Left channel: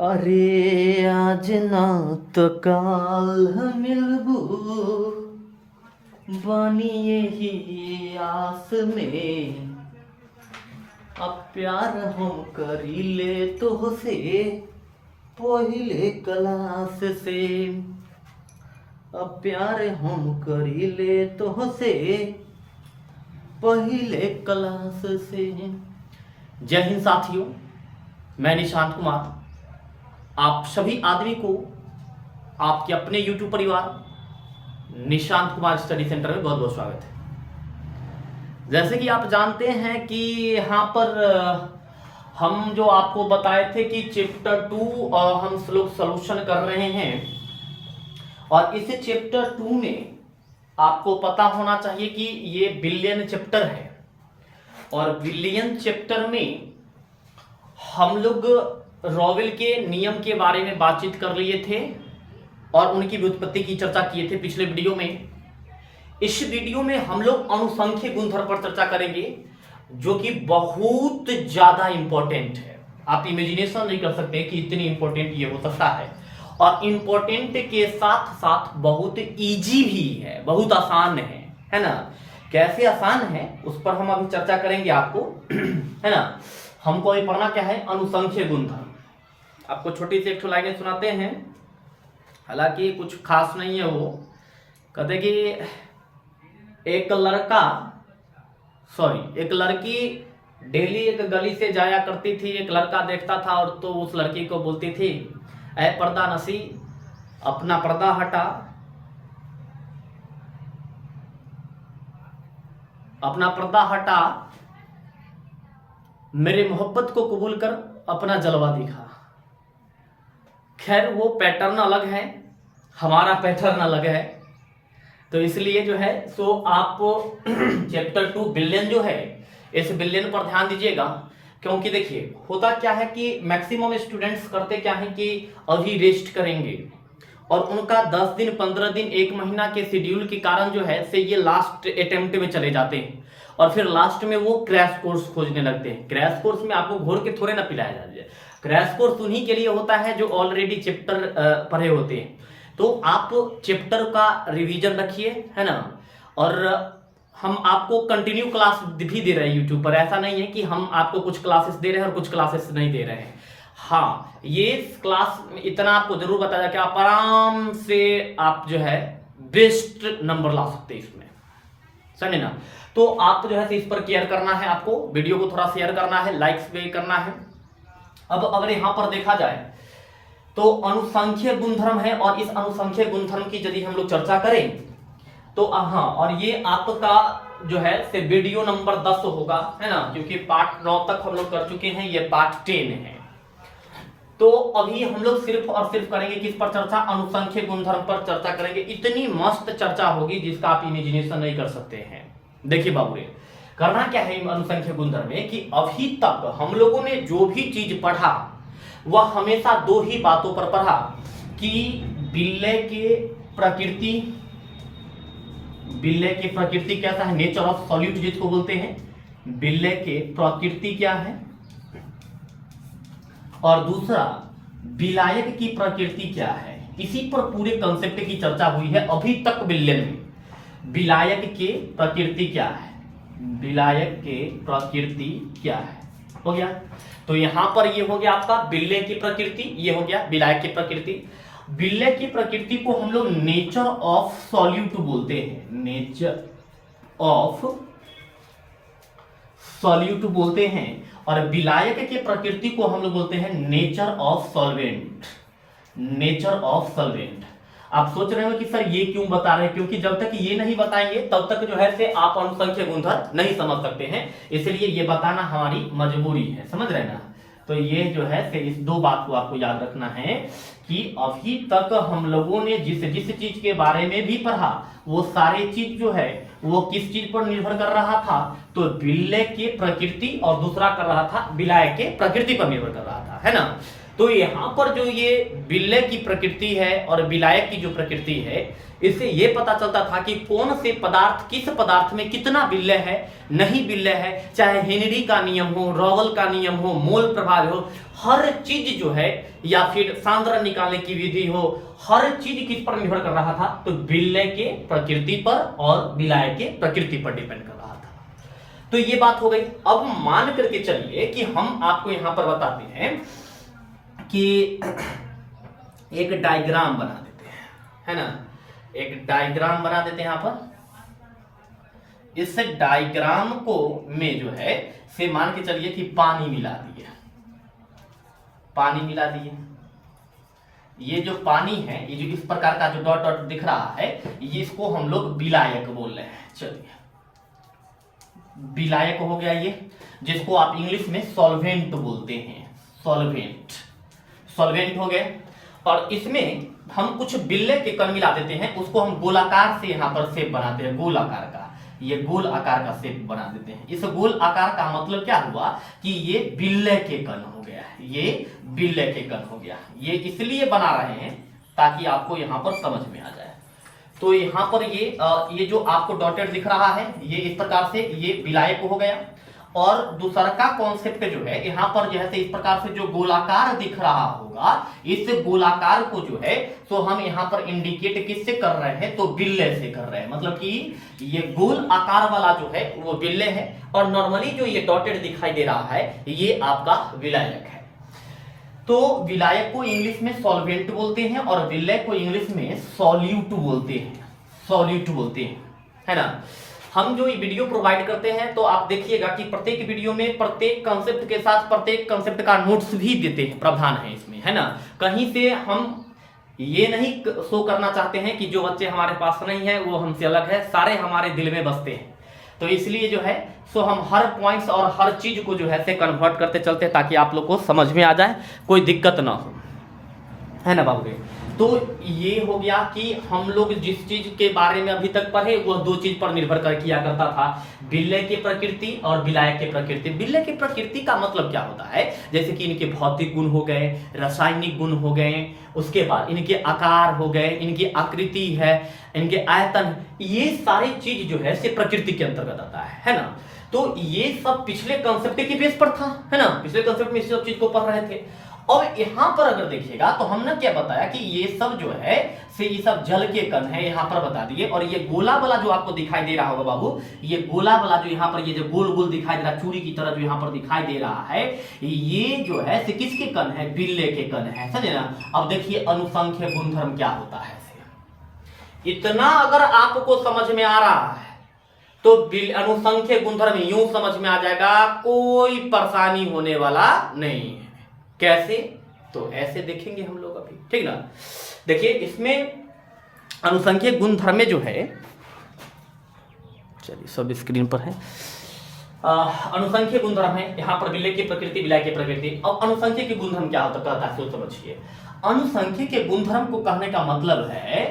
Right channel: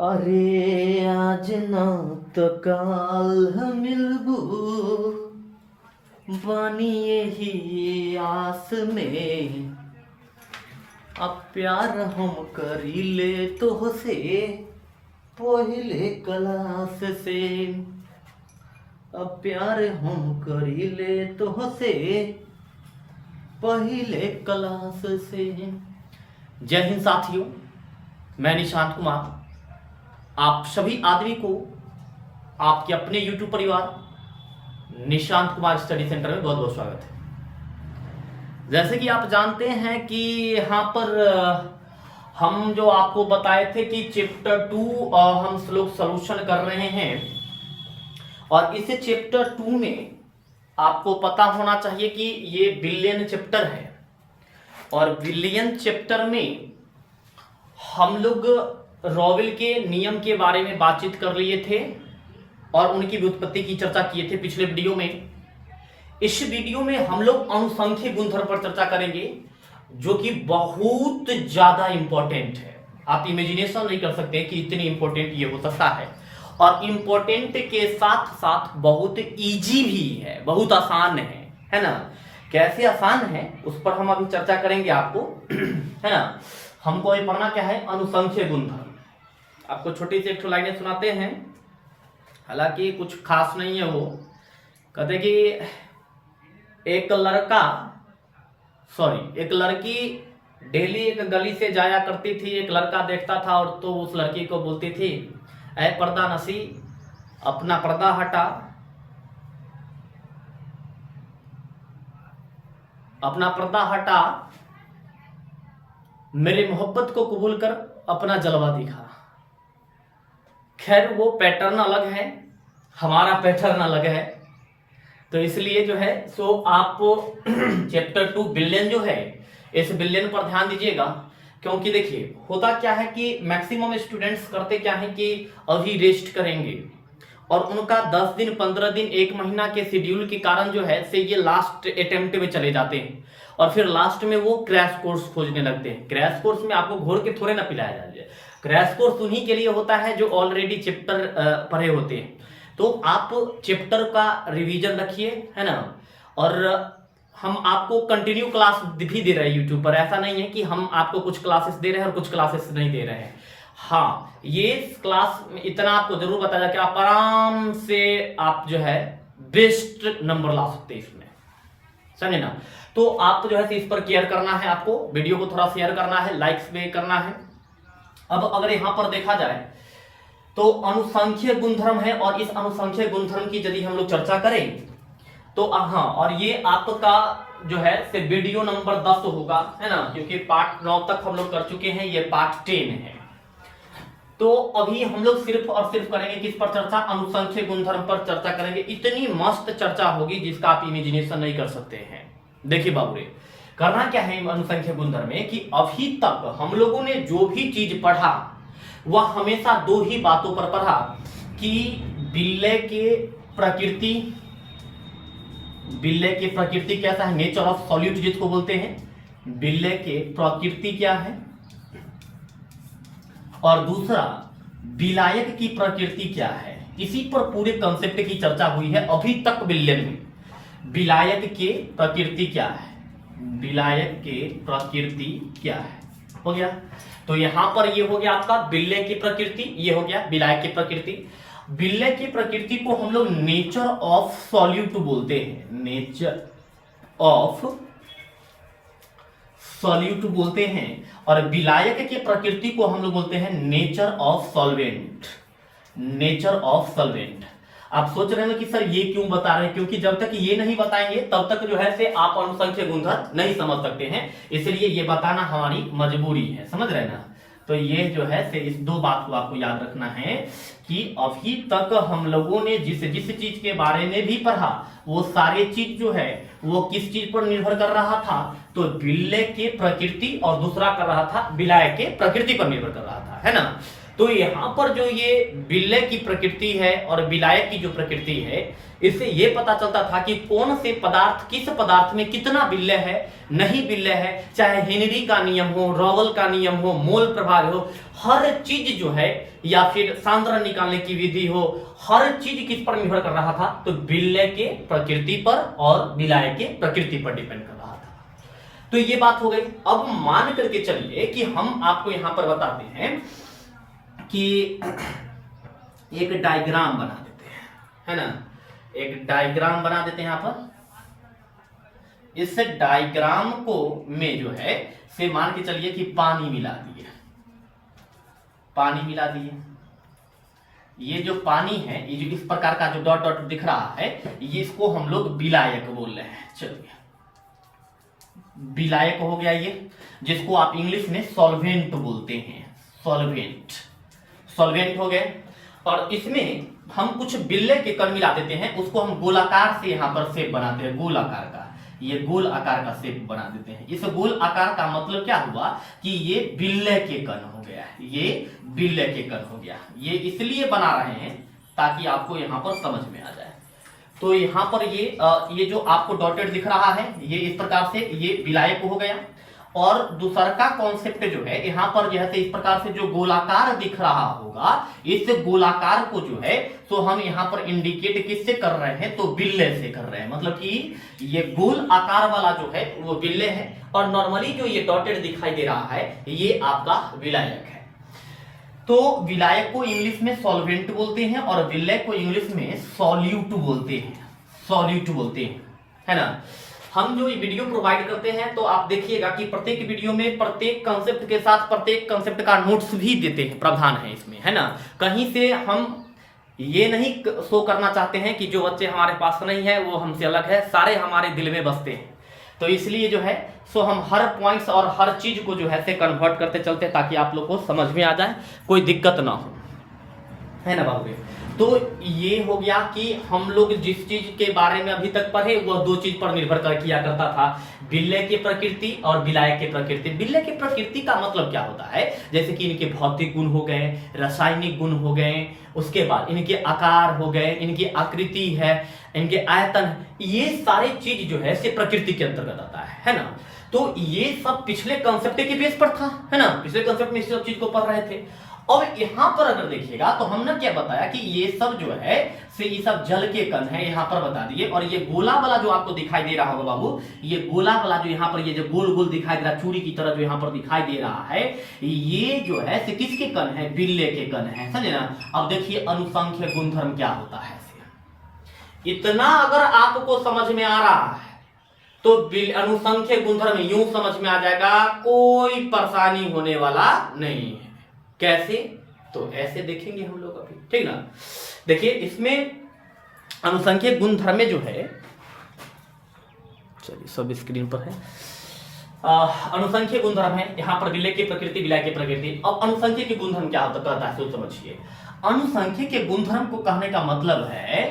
अरे आज ना तो काल मिलबू बानी यही आस में। अब प्यार हम करी ले तो से पहले क्लास से। अब प्यार हम करी ले तो से पहले क्लास से। जय हिंद साथियों, मैं निशांत कुमार आप सभी आदमी को आपके अपने YouTube परिवार निशांत कुमार स्टडी सेंटर में बहुत बहुत स्वागत है। जैसे कि आप जानते हैं कि यहाँ पर हम जो आपको बताए थे कि चैप्टर 2 हम लोग सॉल्यूशन कर रहे हैं और इस चैप्टर 2 में आपको पता होना चाहिए कि ये बिलियन चैप्टर है और बिलियन चैप्टर में हम लोग रॉविल के नियम के बारे में बातचीत कर लिए थे और उनकी व्युत्पत्ति की चर्चा किए थे पिछले वीडियो में। इस वीडियो में हम लोग अनुसंख्यिक गुणधर्म पर चर्चा करेंगे जो कि बहुत ज्यादा इंपॉर्टेंट है। आप इमेजिनेशन नहीं कर सकते कि इतनी इंपॉर्टेंट ये हो सकता है और इंपॉर्टेंट के साथ साथ बहुत इजी भी है, बहुत आसान है ना। कैसे आसान है उस पर हम अभी चर्चा करेंगे आपको, है ना। हमको अभी पढ़ना क्या है, अनुसंख्यिक गुणधर्म। आपको छोटी सी एक लाइनें सुनाते हैं, हालांकि कुछ खास नहीं है। वो कहते कि एक लड़की डेली एक गली से जाया करती थी। एक लड़का देखता था और तो उस लड़की को बोलती थी, ऐ पर्दा नसी अपना पर्दा हटा, अपना पर्दा हटा, मेरी मोहब्बत को कबूल कर, अपना जलवा दिखा। खैर वो पैटर्न अलग है, हमारा पैटर्न अलग है, तो इसलिए जो है सो आप चैप्टर 2 बिलियन जो है इस बिलियन पर ध्यान दीजिएगा। क्योंकि देखिए होता क्या है कि मैक्सिमम स्टूडेंट्स करते क्या है कि अभी रेस्ट करेंगे और उनका 10 दिन 15 दिन 1 महीना के शेड्यूल के कारण जो है से ये लास्ट अटेम्प्ट में चले जाते हैं और फिर लास्ट में वो क्रैश कोर्स खोजने लगते हैं। क्रैश कोर्स में आपको घोर के थोड़े ना पिलाया जाए, क्रैश कोर्स उन्हीं के लिए होता है जो ऑलरेडी चैप्टर पढ़े होते हैं। तो आप चैप्टर का रिवीजन रखिए, है ना। और हम आपको कंटिन्यू क्लास भी दे रहे हैं यूट्यूब पर। ऐसा नहीं है कि हम आपको कुछ क्लासेस दे रहे हैं और कुछ क्लासेस नहीं दे रहे हैं। हाँ, ये क्लास इतना आपको जरूर बताया कि आप आराम से आप जो है बेस्ट नंबर ला सकते हैं इसमें, समझे ना। तो आपको जो है इस पर केयर करना है, आपको वीडियो को थोड़ा शेयर करना है, लाइक्स भी करना है। अब अगर यहां पर देखा जाए तो अनुसंख्यिक गुणधर्म है और इस अनुसंख्यिक गुणधर्म की यदि हम लोग चर्चा करें तो हाँ, और ये आपका जो है से वीडियो नंबर 10 होगा, है ना, क्योंकि पार्ट 9 तक हम लोग कर चुके हैं, ये पार्ट 10 है। तो अभी हम लोग सिर्फ और सिर्फ करेंगे किस पर चर्चा, अनुसंख्यिक गुणधर्म पर चर्चा करेंगे। इतनी मस्त चर्चा होगी जिसका आप इमेजिनेशन नहीं कर सकते हैं। देखिए बाबूरे, करना क्या है अनुसंख्यिक गुणधर्म में कि अभी तक हम लोगों ने जो भी चीज पढ़ा वह हमेशा 2 ही बातों पर पढ़ा कि बिल्ले की प्रकृति कैसा है, नेचर ऑफ सॉल्यूट जिसको बोलते हैं। बिल्ले के प्रकृति क्या है और दूसरा विलायक की प्रकृति क्या है। इसी पर पूरे कंसेप्ट की चर्चा हुई है अभी तक बिलियन में। विलायक के प्रकृति क्या है, विलायक के प्रकृति क्या है, हो गया। तो यहां पर ये हो गया आपका बिल्ले की प्रकृति, ये हो गया विलायक की प्रकृति। बिल्ले की प्रकृति को हम लोग नेचर ऑफ सॉल्यूट बोलते हैं, नेचर ऑफ सॉल्यूट बोलते हैं। और विलायक के प्रकृति को हम लोग बोलते हैं nature of solvent, nature of solvent. आप सोच रहे हो कि सर ये क्यों बता रहे हैं, क्योंकि जब तक ये नहीं बताएंगे तब तक जो है से आप अनुसंख्यिक गुणधर्म नहीं समझ सकते हैं, इसलिए ये बताना हमारी मजबूरी है, समझ रहे ना। तो ये जो है से इस 2 बात को आपको याद रखना है कि अभी तक हम लोगों ने जिस चीज के बारे में भी पढ़ा वो सारी चीज जो है वो किस चीज पर निर्भर कर रहा था, तो बिल्ले के प्रकृति और दूसरा कर रहा था विलायक के प्रकृति पर निर्भर कर रहा था, है ना। तो यहाँ पर जो ये बिल्ले की प्रकृति है और विलायक की जो प्रकृति है, इससे ये पता चलता था कि कौन से पदार्थ, किस पदार्थ में कितना बिल्ले है, नहीं बिल्ले है, चाहे हेनरी का नियम हो, रॉवल का नियम हो, मोल प्रभाव हो, हर चीज जो है, या फिर सांद्रण निकालने की विधि हो, हर चीज किस पर निर्भर कर रहा था? तो बिल्ले के प्रकृति पर और विलायक के प्रकृति पर डिपेंड कर रहा था। तो ये बात हो गई। अब मान करके चलिए कि हम आपको यहां पर बताते हैं कि एक डायग्राम बना देते हैं, है ना, एक डायग्राम बना देते हैं यहां पर। इस डायग्राम को में जो है से मान के चलिए कि पानी मिला दिए, पानी मिला दिए। ये जो पानी है, ये जो इस प्रकार का जो डॉट डॉट दिख रहा है, ये इसको हम लोग विलायक बोल रहे हैं। चलिए, विलायक हो गया ये, जिसको आप इंग्लिश में सॉल्वेंट बोलते हैं, सॉल्वेंट, सॉल्वेंट हो गए। और इसमें हम कुछ बिल्ले के कण मिला देते हैं, उसको हम गोलाकार से यहां पर शेप बनाते हैं, गोल आकार का, ये गोल आकार का शेप बना देते हैं। इस गोल आकार का मतलब क्या हुआ कि ये बिल्ले के कण हो गया, ये बिल्ले के कण हो गया। ये इसलिए बना रहे हैं ताकि आपको यहां पर समझ में आ जाए। तो यहां पर ये जो आपको डॉटेड दिख रहा है, ये इस प्रकार से ये विलायक हो गया। और दूसरा का कॉन्सेप्ट जो है, यहां पर जैसे इस प्रकार से जो गोलाकार दिख रहा होगा, इस गोलाकार को जो है तो हम यहां पर इंडिकेट किससे कर रहे हैं? तो बिल्ले से कर रहे हैं। मतलब कि ये गोल आकार वाला जो है वो बिल्ले है, और नॉर्मली जो ये डॉटेड दिखाई दे रहा है ये आपका विलायक है। तो विलायक को इंग्लिश में सॉल्वेंट बोलते हैं और विल्ले को इंग्लिश में सॉल्यूट बोलते हैं, सॉल्यूट बोलते हैं, है ना। हम जो ये वीडियो प्रोवाइड करते हैं तो आप देखिएगा कि प्रत्येक वीडियो में प्रत्येक कंसेप्ट के साथ प्रत्येक कंसेप्ट का नोट्स भी देते हैं, प्रावधान है इसमें, है ना। कहीं से हम ये नहीं शो करना चाहते हैं कि जो बच्चे हमारे पास नहीं है वो हमसे अलग है, सारे हमारे दिल में बसते हैं। तो इसलिए जो है सो हम हर पॉइंट्स और हर चीज को जो है से कन्वर्ट करते चलते हैं ताकि आप लोग को समझ में आ जाए, कोई दिक्कत ना हो, है ना बाबू। तो ये हो गया कि हम लोग जिस चीज के बारे में अभी तक पढ़े वो दो चीज पर निर्भर कर किया करता था, बिल्ले की प्रकृति और विलायक की प्रकृति। बिल्ले की प्रकृति का मतलब क्या होता है? जैसे कि इनके भौतिक गुण हो गए, रासायनिक गुण हो गए, उसके बाद इनके आकार हो गए, इनकी आकृति है, इनके आयतन, ये सारी चीज जो है से प्रकृति के अंतर्गत आता है ना। तो ये सब पिछले कंसेप्ट के बेस पर था, है ना, पिछले कंसेप्ट में इस सब चीज को पढ़ रहे थे। और यहां पर अगर देखिएगा तो हमने क्या बताया कि ये सब जो है से ये सब जल के कण है, यहां पर बता दिए। और ये गोला वाला जो आपको दिखाई दे रहा होगा बाबू, ये गोला वाला जो यहां पर ये जो गोल गोल दिखाई दे रहा है, चूड़ी की तरह जो यहां पर दिखाई दे रहा है, ये जो है से किसके कण है? बिल्ले के कण है, समझे ना। अब देखिए अनुसंख्य गुणधर्म क्या होता है। इतना अगर आपको समझ में आ रहा है तो अनुसंख्य गुणधर्म यूं समझ में आ जाएगा, कोई परेशानी होने वाला नहीं है। कैसे? तो ऐसे देखेंगे हम लोग अभी, ठीक ना। देखिए इसमें अनुसंख्यिक गुणधर्म में जो है, चलिए सब स्क्रीन पर है, अनुसंख्यिक गुणधर्म है यहां पर बिल्ले की प्रकृति, विलायक की प्रकृति। अब अनुसंख्यिक के गुणधर्म क्या होता है तो समझिए। अनुसंख्यिक के गुणधर्म को कहने का मतलब है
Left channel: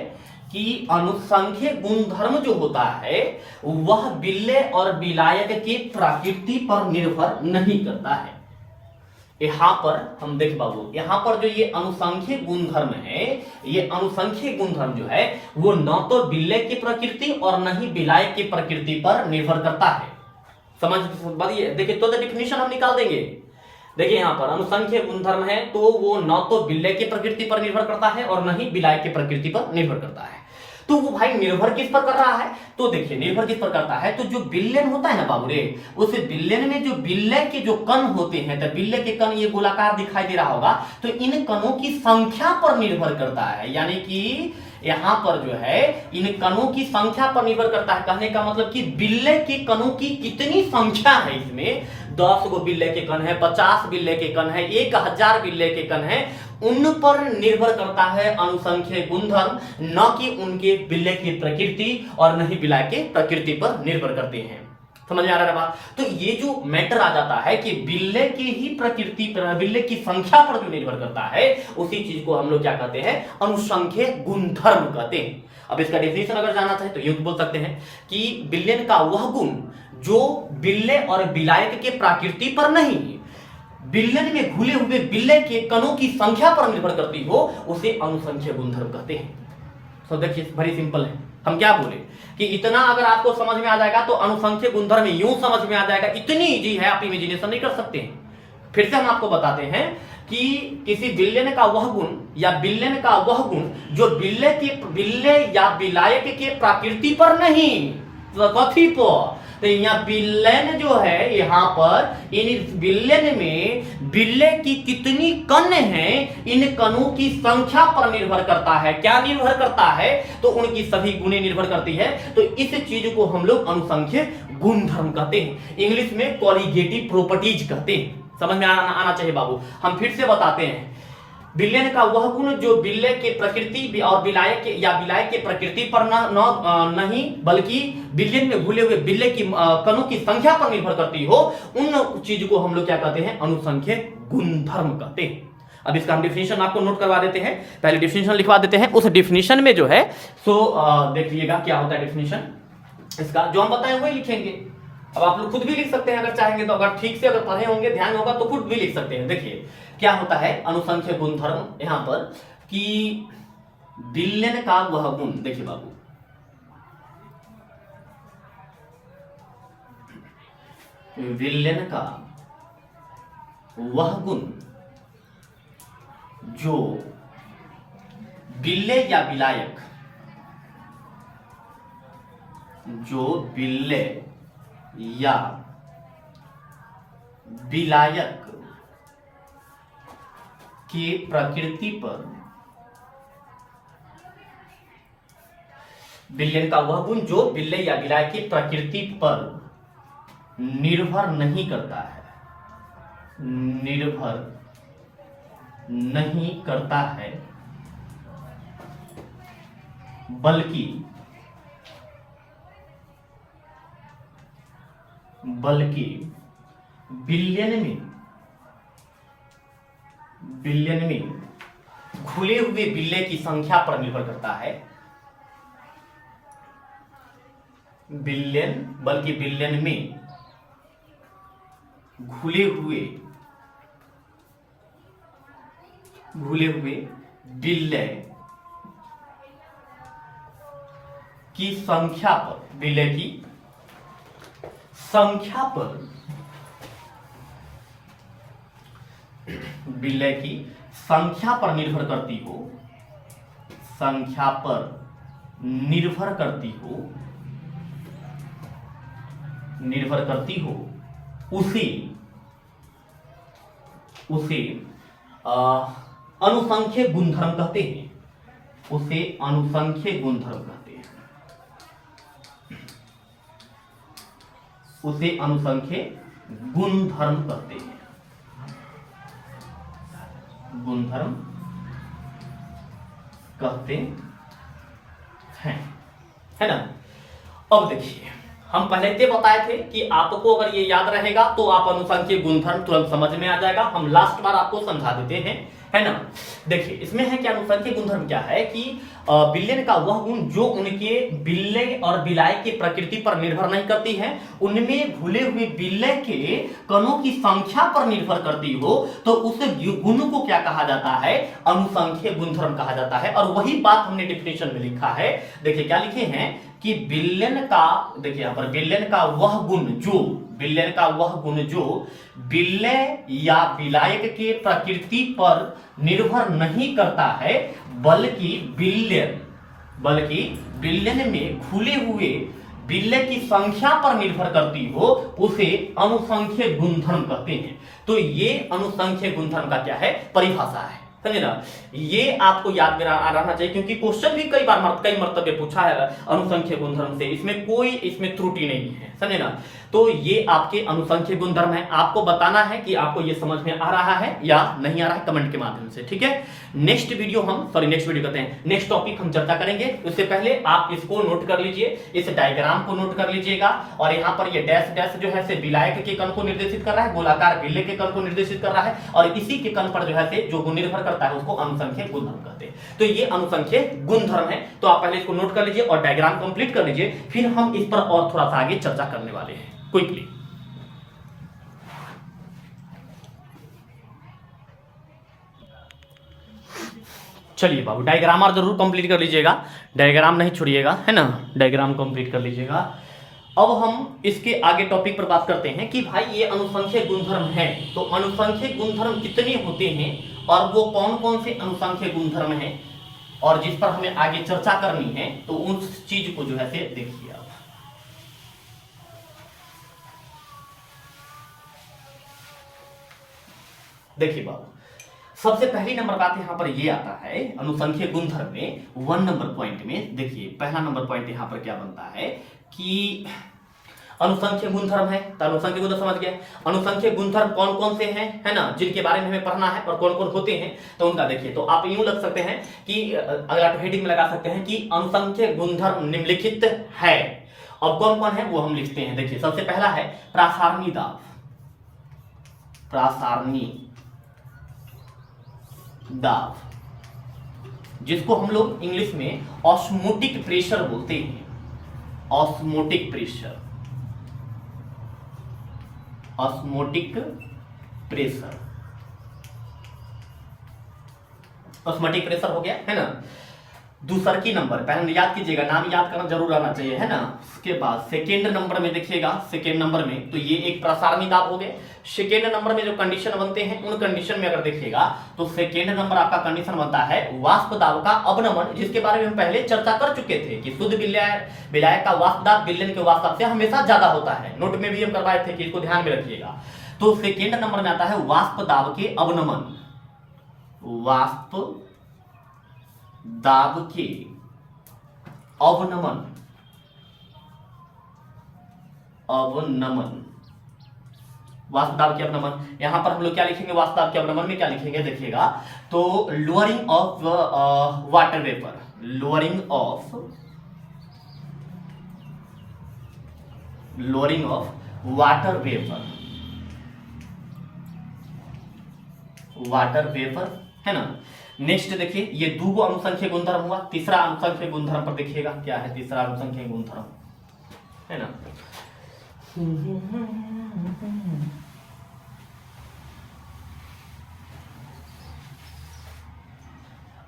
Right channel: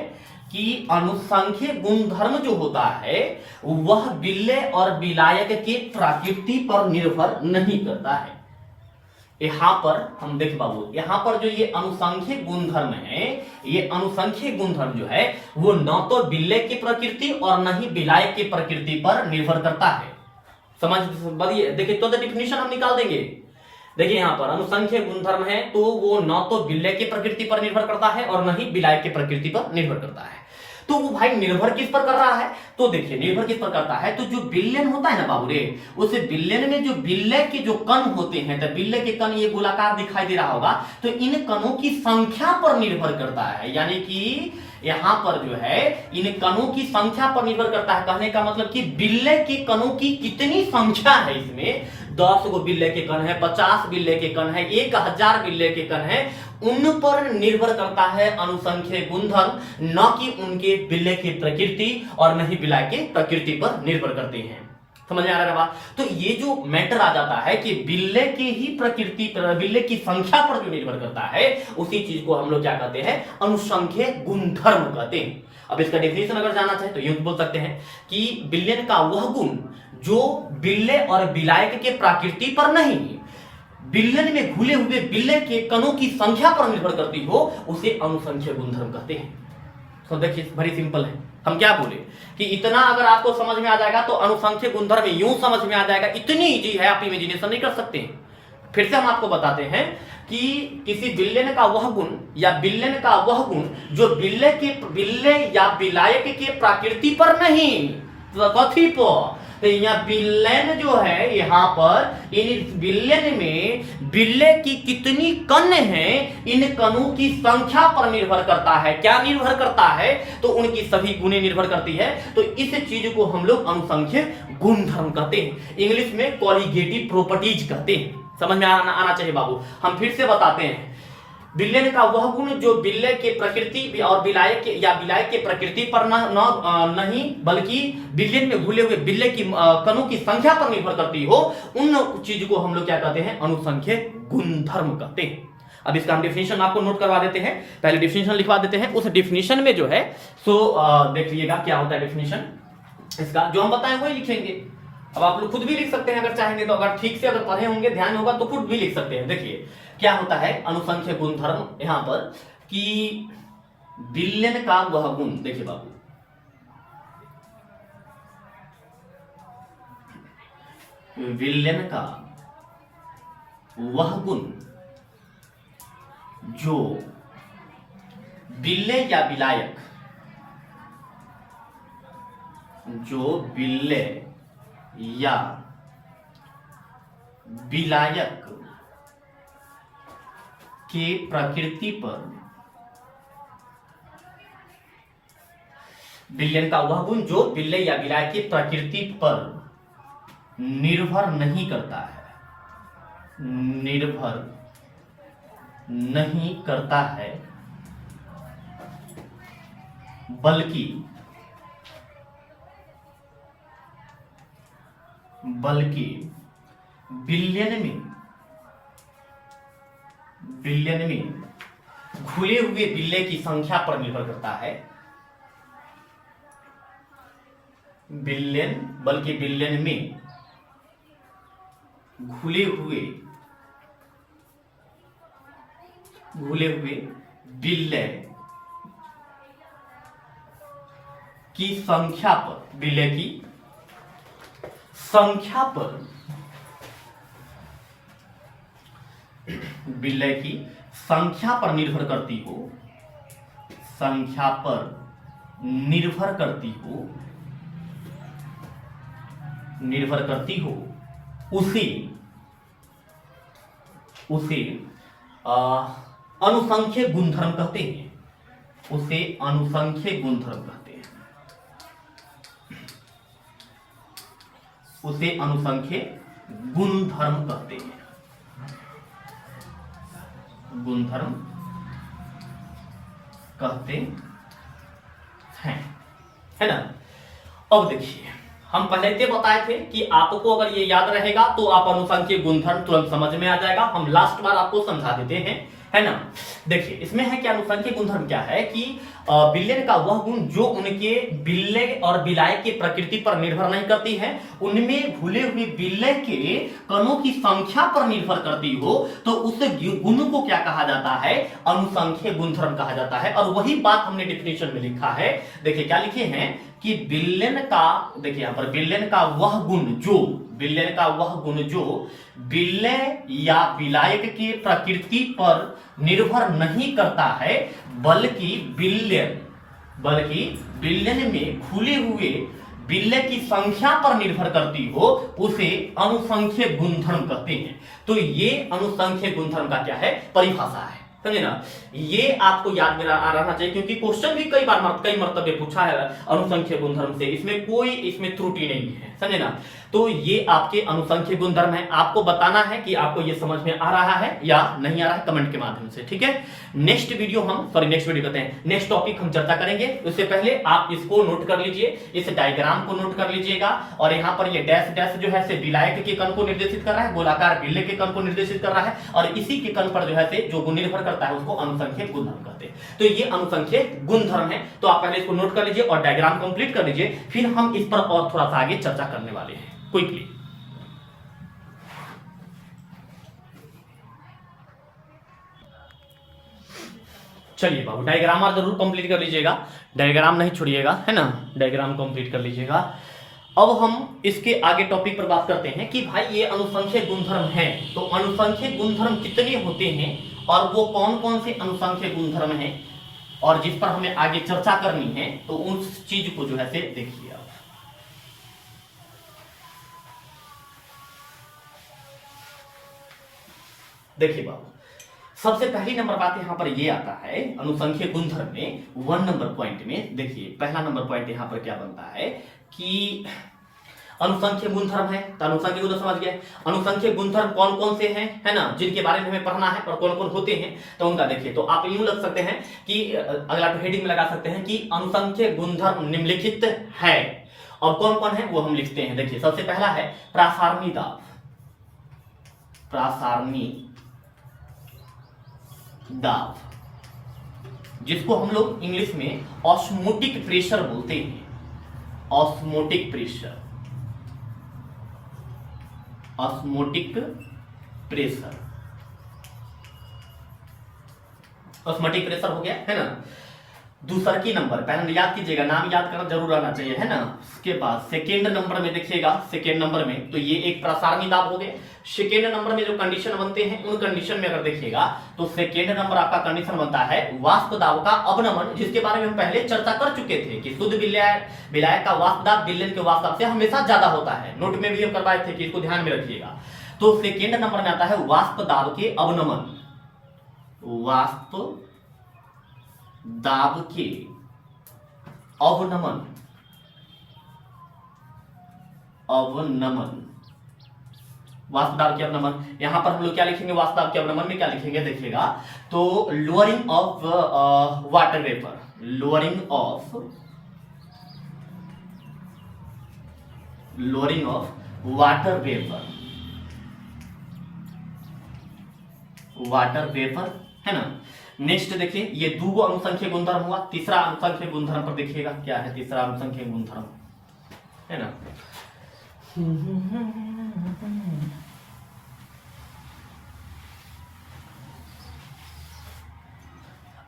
कि अनुसंख्यिक गुणधर्म जो होता है वह बिल्ले और विलायक की प्रकृति पर निर्भर नहीं करता है। यहां पर हम देख बाबू, यहां पर जो ये अनुसंख्यिक गुणधर्म है, ये अनुसंख्यिक गुणधर्म जो है वो न तो बिल्ले की प्रकृति और न ही विलायक की प्रकृति पर निर्भर करता है। समझ बढ़िए, देखिए तो डिफिनेशन हम निकाल देंगे। देखिए यहां पर अनुसंख्यिक गुणधर्म है तो वो न तो बिल्ले की प्रकृति पर निर्भर करता है और न ही विलायक की प्रकृति पर निर्भर करता है। तो वो भाई निर्भर किस पर कर रहा है? तो देखिए निर्भर किस पर करता है, तो जो बिल्लेन होता है ना बाबू रे, उस बिल्लेन में जो बिल्ले के जो कण होते हैं, तो बिल्ले के कण ये गोलाकार दिखाई दे रहा होगा, तो इन कणों की संख्या पर निर्भर करता है। यानी कि यहां पर जो है इन कणों की संख्या पर निर्भर करता है। कहने का मतलब कि बिल्ले के कणों की कितनी संख्या है, इसमें 10 गो बिल्ले के कण है, 50 बिल्ले के कण है, 1000 बिल्ले के कण है, उन पर निर्भर करता है अनुसंख्यिक गुणधर्म, न कि उनके बिल्ले की प्रकृति और न ही विलायक की प्रकृति पर निर्भर करते हैं। समझ में आ रहा है बात? तो ये जो मैटर आ जाता है कि बिल्ले की ही प्रकृति पर, बिल्ले की संख्या पर जो निर्भर करता है, उसी चीज को हम लोग क्या कहते हैं? अनुसंख्यिक गुणधर्म कहते हैं। अब इसका डेफिनेशन अगर जानना चाहे तो यूं बोल सकते हैं कि बिल्लेन का वह गुण जो बिल्ले और विलायक के प्रकृति पर नहीं, बिलियन में घुले हुए बिल्ले के कणों की संख्या पर निर्भर करती हो उसे अनुसंख्यक गुणधर्म कहते हैं। तो देखिए बड़ी सिंपल है, हम क्या बोले कि इतना अगर आपको समझ में आ जाएगा तो अनुसंख्यक गुणधर्म यूं समझ में आ जाएगा, इतनी इजी है, आप इमेजिनेशन नहीं कर सकते हैं। फिर से हम आपको बताते हैं कि किसी बिल्लियन का वह गुण या बिल्लियन का वह गुण जो बिल्ले या बिलायक के प्रकृति पर नहीं, कथी पर, तो यहाँ बिल्लेन जो है, यहाँ पर इन बिल्लेन में बिल्ले की कितनी कण हैं, इन कणों की संख्या पर निर्भर करता है। क्या निर्भर करता है? तो उनकी सभी गुणें निर्भर करती है। तो इस चीज को हम लोग अनुसंख्यक गुणधर्म कहते हैं, इंग्लिश में कॉलिगेटिव प्रॉपर्टीज कहते हैं। समझ में आना चाहिए बाबू। हम फिर से बताते हैं, बिल्लियन का वह गुण जो बिल्ले के प्रकृति और बिलायक के प्रकृति पर नहीं बल्कि बिल्लियन में घुले हुए बिल्ले की कणों की संख्या पर निर्भर करती हो, उन चीज को हम लोग क्या कहते हैं? अनुसंख्यक गुणधर्म कहते हैं। अब इसका हम डिफिनेशन आपको नोट करवा देते हैं, पहले डिफिनेशन लिखवा देते हैं। उस डिफिनेशन में जो है सो देख लीजिएगा क्या होता है डिफिनेशन इसका, जो हम बताएं वही लिखेंगे। अब आप लोग खुद भी लिख सकते हैं अगर चाहेंगे तो, अगर ठीक से अगर पढ़े होंगे, ध्यान होगा तो खुद भी लिख सकते हैं। देखिए क्या होता है अनुसंख्यक गुणधर्म यहां पर कि बिल्लियन का वह गुण, देखिए बाबू, बिल्लियन का वह गुण जो बिल्ले या बिलायक, जो बिल्ले या बिलायक के प्रकृति पर, बिल्लियन का वह गुण जो बिल्ले या बिलायक की प्रकृति पर निर्भर नहीं करता है, निर्भर नहीं करता है, बल्कि बिलियन में घुले हुए बिल्ले की संख्या पर निर्भर करता है। बिलियन में घुले हुए बिल्ले की संख्या पर, बिल्ले की संख्या पर, बिल्ले की संख्या पर निर्भर करती हो, संख्या पर निर्भर करती हो, उसे अनुसंख्यक गुणधर्म कहते हैं, उसे अनुसंख्यक गुणधर्म कहते हैं, उसे अनुसंख्यक गुणधर्म कहते हैं, गुणधर्म कहते हैं, है ना। अब देखिए हम पहले से बताए थे कि आपको अगर ये याद रहेगा तो आप अनुसंख्यक गुणधर्म तुरंत समझ में आ जाएगा। हम लास्ट बार आपको समझा देते हैं, है ना। देखिए इसमें है कि अनुसंख्यक गुणधर्म क्या है कि बिल्लियन का वह गुण जो उनके बिल्ले और बिलायक की प्रकृति पर निर्भर नहीं करती है, उनमें घुले हुए बिल्ले के कणों की संख्या पर निर्भर करती हो, तो उस गुण को क्या कहा जाता है? अनुसंख्यक गुणधर्म कहा जाता है। और वही बात हमने डिफिनेशन में लिखा है। देखिए क्या लिखे हैं कि बिल्लियन का, देखिए यहां पर बिल्लियन का वह गुण जो, बिल्लियन का वह गुण जो बिल्ले या बिलायक के प्रकृति पर निर्भर नहीं करता है, बल्कि बिल्लियन में घुले हुए बिल्ले की संख्या पर निर्भर करती हो, उसे अनुसंख्यक गुणधर्म कहते हैं। तो ये अनुसंख्यक गुणधर्म का क्या है? परिभाषा है, समझे ना। ये आपको याद में रहना चाहिए क्योंकि क्वेश्चन भी कई मर्तबे पूछा है अनुसंख्यक गुणधर्म से, इसमें त्रुटि नहीं है, समझे ना। तो ये आपके अनुसंख्यक गुणधर्म है। आपको बताना है कि आपको ये समझ में आ रहा है या नहीं आ रहा है, कमेंट के माध्यम से, ठीक है। नेक्स्ट वीडियो कहते हैं नेक्स्ट टॉपिक हम चर्चा करेंगे। उससे पहले आप इसको नोट कर लीजिए, इस डायग्राम को नोट कर लीजिएगा। और यहाँ पर ये डैश डैश जो है से विलायक के कण को निर्देशित कर रहा है, गोलाकार बिल्ले के कण को निर्देशित कर रहा है, और इसी के कण पर जो है से जो गुण निर्भर करता है उसको अनुसंख्यक गुणधर्म कहते हैं। तो ये अनुसंख्यक गुणधर्म है। तो आप पहले इसको नोट कर लीजिए और डायग्राम कंप्लीट कर लीजिए, फिर हम इस पर और थोड़ा सा आगे चर्चा करने वाले हैं क्विकली। चलिए बाबू डायग्रामर जरूर कंप्लीट कर लीजिएगा, डायग्राम नहीं छोड़िएगा, है ना, डायग्राम कंप्लीट कर लीजिएगा। अब हम इसके आगे टॉपिक पर बात करते हैं कि भाई ये अनुसंख्यक गुणधर्म है, तो अनुसंख्यक गुणधर्म कितने होते हैं और वो कौन कौन से अनुसंख्यक गुणधर्म हैं और जिस पर हमें आगे चर्चा करनी है, तो उस चीज को जो है से देखिए आप। देखिए बाबू, सबसे पहली नंबर बात यहां पर ये आता है अनुसंख्यक गुणधर्म में 1 नंबर पॉइंट में। देखिए पहला नंबर पॉइंट यहां पर क्या बनता है कि अनुसंख्यक गुणधर्म है, तो अनुसंख्यक गुणधर्म समझ गए। अनुसंख्यक गुणधर्म कौन कौन से हैं, है ना, जिनके बारे में हमें पढ़ना है और कौन कौन होते हैं, तो उनका देखिए। तो आप यूं लग सकते हैं कि अगर आप हेडिंग में लगा सकते हैं कि अनुसंख्यक गुणधर्म निम्नलिखित है, और कौन कौन है वो हम लिखते हैं। देखिए सबसे पहला है प्रासारणी दाब, प्रासारणी दाब, जिसको हम लोग इंग्लिश में ऑस्मोटिक प्रेशर बोलते हैं, osmotic pressure, osmotic pressure, osmotic pressure हो गया, है ना। दूसरा की नंबर पहले याद कीजिएगा, नाम याद करना जरूर आना चाहिए, है ना। उसके बाद सेकेंड नंबर में देखिएगा, सेकेंड नंबर में तो ये एक प्रसारणी दाब हो गया। सेकेंड नंबर में जो कंडीशन बनते हैं उन कंडीशन में अगर देखिएगा तो सेकेंड नंबर आपका कंडीशन बनता है वाष्प दाब का अवनमन, जिसके बारे में हम पहले चर्चा कर चुके थे कि शुद्ध विलायक का वाष्प दाब विलयन के वाष्प दाब से हमेशा ज्यादा होता है। नोट में भी हम करवाए थे कि इसको ध्यान में रखिएगा। तो सेकेंड नंबर में आता है वाष्प दाब के अवनमन, वाष्प दाब के अवनमन, अवनमन, वाष्प दाब के अवनमन। यहां पर हम लोग क्या लिखेंगे, वाष्प दाब के अवनमन में क्या लिखेंगे देखिएगा, तो lowering of water vapour, lowering of water vapour, water vapour, है ना। नेक्स्ट देखिए ये दो अनुसंख्यक गुणधर्म हुआ। तीसरा अनुसंख्यक गुणधर्म पर देखिएगा क्या है, तीसरा अनुसंख्यक गुणधर्म, है ना।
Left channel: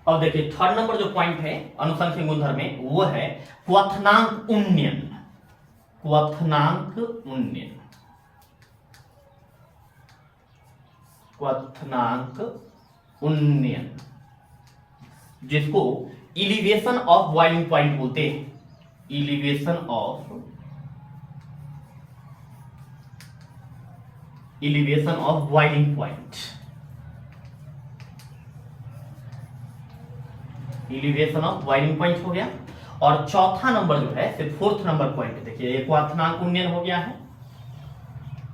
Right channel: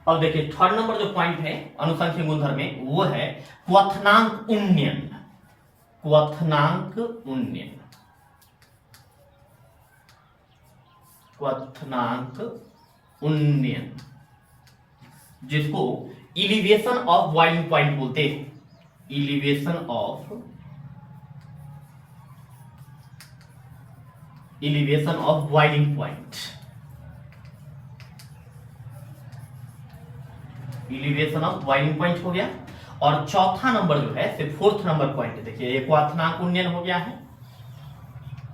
अब देखिए थर्ड नंबर जो पॉइंट है अनुसंख्यक गुणधर्म में वो है क्वथनांक उन्नयन, क्वथनांक उन्नयन, क्वथनांक उन्नयन, जिसको इलिवेशन ऑफ बॉइलिंग पॉइंट बोलते हैं, elevation of boiling point, elevation of boiling point हो गया। और चौथा नंबर जो है फोर्थ नंबर पॉइंट देखिए, ये क्वथनांक उन्नयन हो गया है।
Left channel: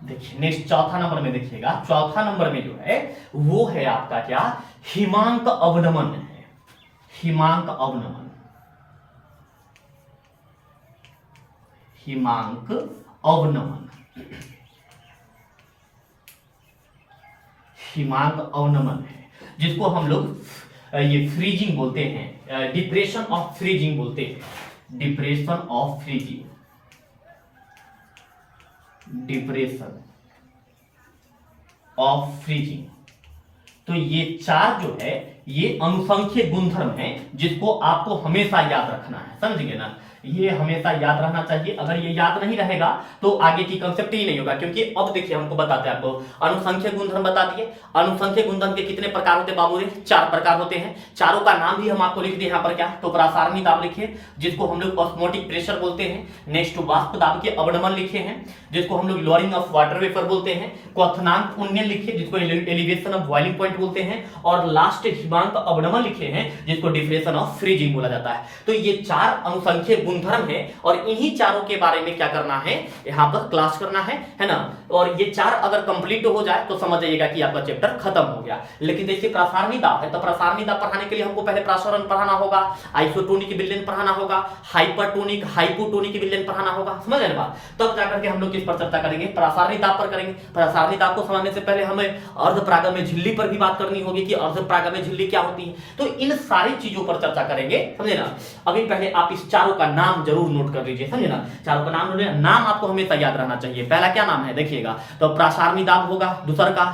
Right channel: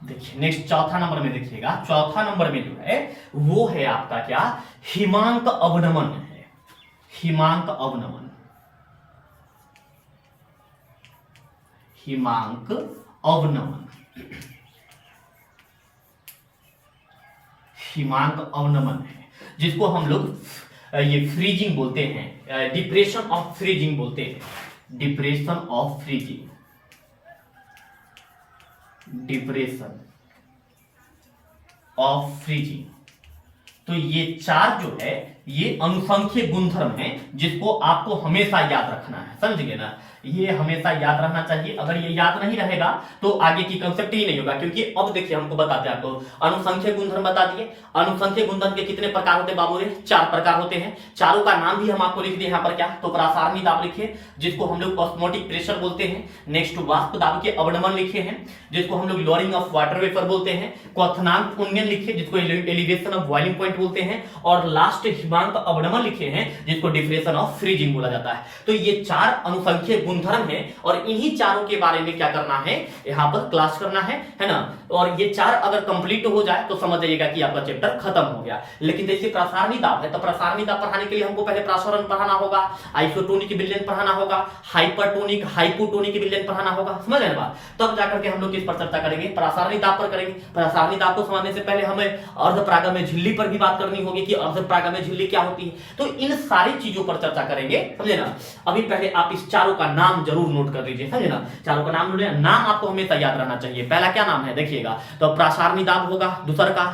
देखिए नेक्स्ट चौथा नंबर में देखिएगा, चौथा नंबर में जो है वो है आपका क्या, हिमांक अवनमन है, हिमांक अवनमन, हिमांक अवनमन, हिमांक अवनमन है, जिसको हम लोग ये फ्रीजिंग बोलते हैं, डिप्रेशन ऑफ फ्रीजिंग बोलते हैं, depression of freezing, depression of freezing. तो ये चार जो है ये अनुसंख्यक गुणधर्म है, जिसको आपको हमेशा याद रखना है, समझ गए ना। ये हमेशा याद रहना चाहिए, अगर ये याद नहीं रहेगा तो आगे की कंसेप्ट ही नहीं होगा। क्योंकि अब देखिए हमको बताते हैं, आपको अनुसंख्यक गुणधर्म बता दिए। अनुसंख्यक गुणधर्म के कितने प्रकार होते हैं बाबू रे, 4 प्रकार होते हैं। चारों का नाम भी हम आपको लिख दिए यहाँ पर क्या, तो प्रासारणी दाब लिखिए, जिसको हम लोग ऑस्मोटिक प्रेशर बोलते हैं। नेक्स्ट वाष्प दाब के अवनमन लिखे हैं, जिसको हम लोग लोअरिंग ऑफ वाटर वेपर बोलते हैं। क्वथनांक उन्नयन लिखिए, जिसको एलिवेशन ऑफ बॉइलिंग पॉइंट बोलते हैं। और लास्ट हिमांक अवनमन लिखे हैं, जिसको डिप्रेशन ऑफ फ्रीजिंग बोला जाता है। तो ये 4 अनुसंख्यक गुणधर्म है, और इन्हीं चारों के बारे में क्या करना है, यहाँ पर क्लास करना है ना। और ये 4 अगर कंप्लीट हो जाए तो समझ जाइएगा कि आपका चैप्टर खत्म हो गया। लेकिन जैसे प्रासारणी दाब है, तो प्रासारणी दाब पढ़ाने के लिए हमको पहले प्रासरण पढ़ाना होगा, आइसोटोनिक विलयन पढ़ाना होगा, हाइपरटोनिक हाइपोटोनिक विलयन पढ़ाना होगा, समझ रहे बात। तब जाकर के हम लोग किस पर चर्चा करेंगे, प्रासारणी दाब पर करेंगे। प्रासारणी दाब को समझने से पहले हमें अर्धप्रागम्य झिल्ली पर भी बात करनी होगी कि अर्धप्रागम्य झिल्ली क्या होती है। तो इन सारी चीजों पर चर्चा करेंगे, समझे ना। अभी पहले आप इस चारों का नाम जरूर नोट कर लीजिए, समझे ना। चारों का नाम आपको हमेशा याद रहना चाहिए। पहला क्या नाम है देखिएगा, तो प्रासारणी दाब होगा, दूसरा का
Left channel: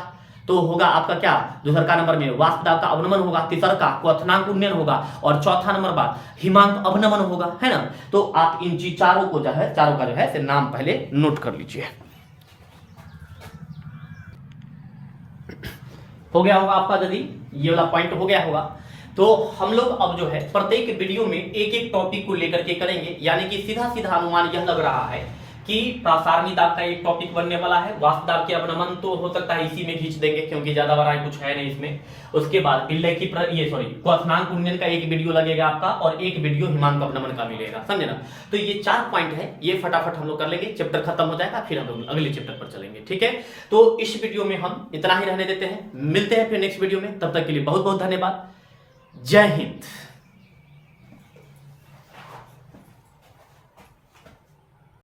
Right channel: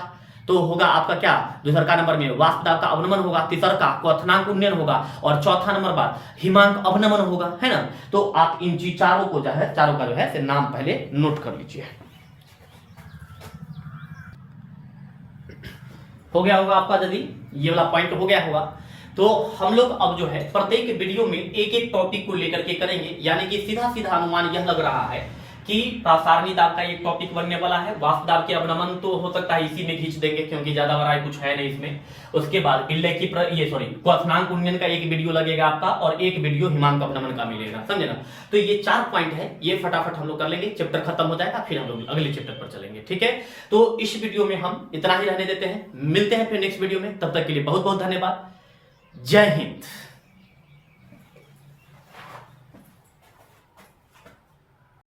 तो होगा आपका क्या, दूसर का नंबर में वाष्पदाब का अवनमन होगा, तीसर का क्वथनांक उन्नयन होगा, और चौथा नंबर बात हिमांक अवनमन होगा, है ना। तो आप इन चारों को जो है, चारों का जो है नाम पहले नोट कर लीजिए। हो गया होगा आपका, यदि ये वाला पॉइंट हो गया होगा तो हम लोग अब जो है प्रत्येक वीडियो में एक एक टॉपिक को लेकर के करेंगे, यानी कि सीधा सीधा अनुमान यह लग रहा है कि प्रसारणी दाब का एक टॉपिक बनने वाला है, वाष्प दाब के अवनमन तो हो सकता है इसी में खींच देंगे क्योंकि ज्यादा बड़ा कुछ है नहीं इसमें। उसके बाद बिल्ले की क्वथनांक उन्नयन का एक वीडियो लगेगा आपका, और एक वीडियो हिमांक अवनमन का मिलेगा, समझे ना। तो ये 4 पॉइंट है, ये फटाफट हम लोग कर लेंगे, चैप्टर खत्म हो जाएगा, फिर हम लोग अगले चैप्टर पर चलेंगे, ठीक है। तो इस वीडियो में हम इतना ही रहने देते हैं, मिलते हैं फिर नेक्स्ट वीडियो में, तब तक के लिए बहुत बहुत धन्यवाद। जय हिंद।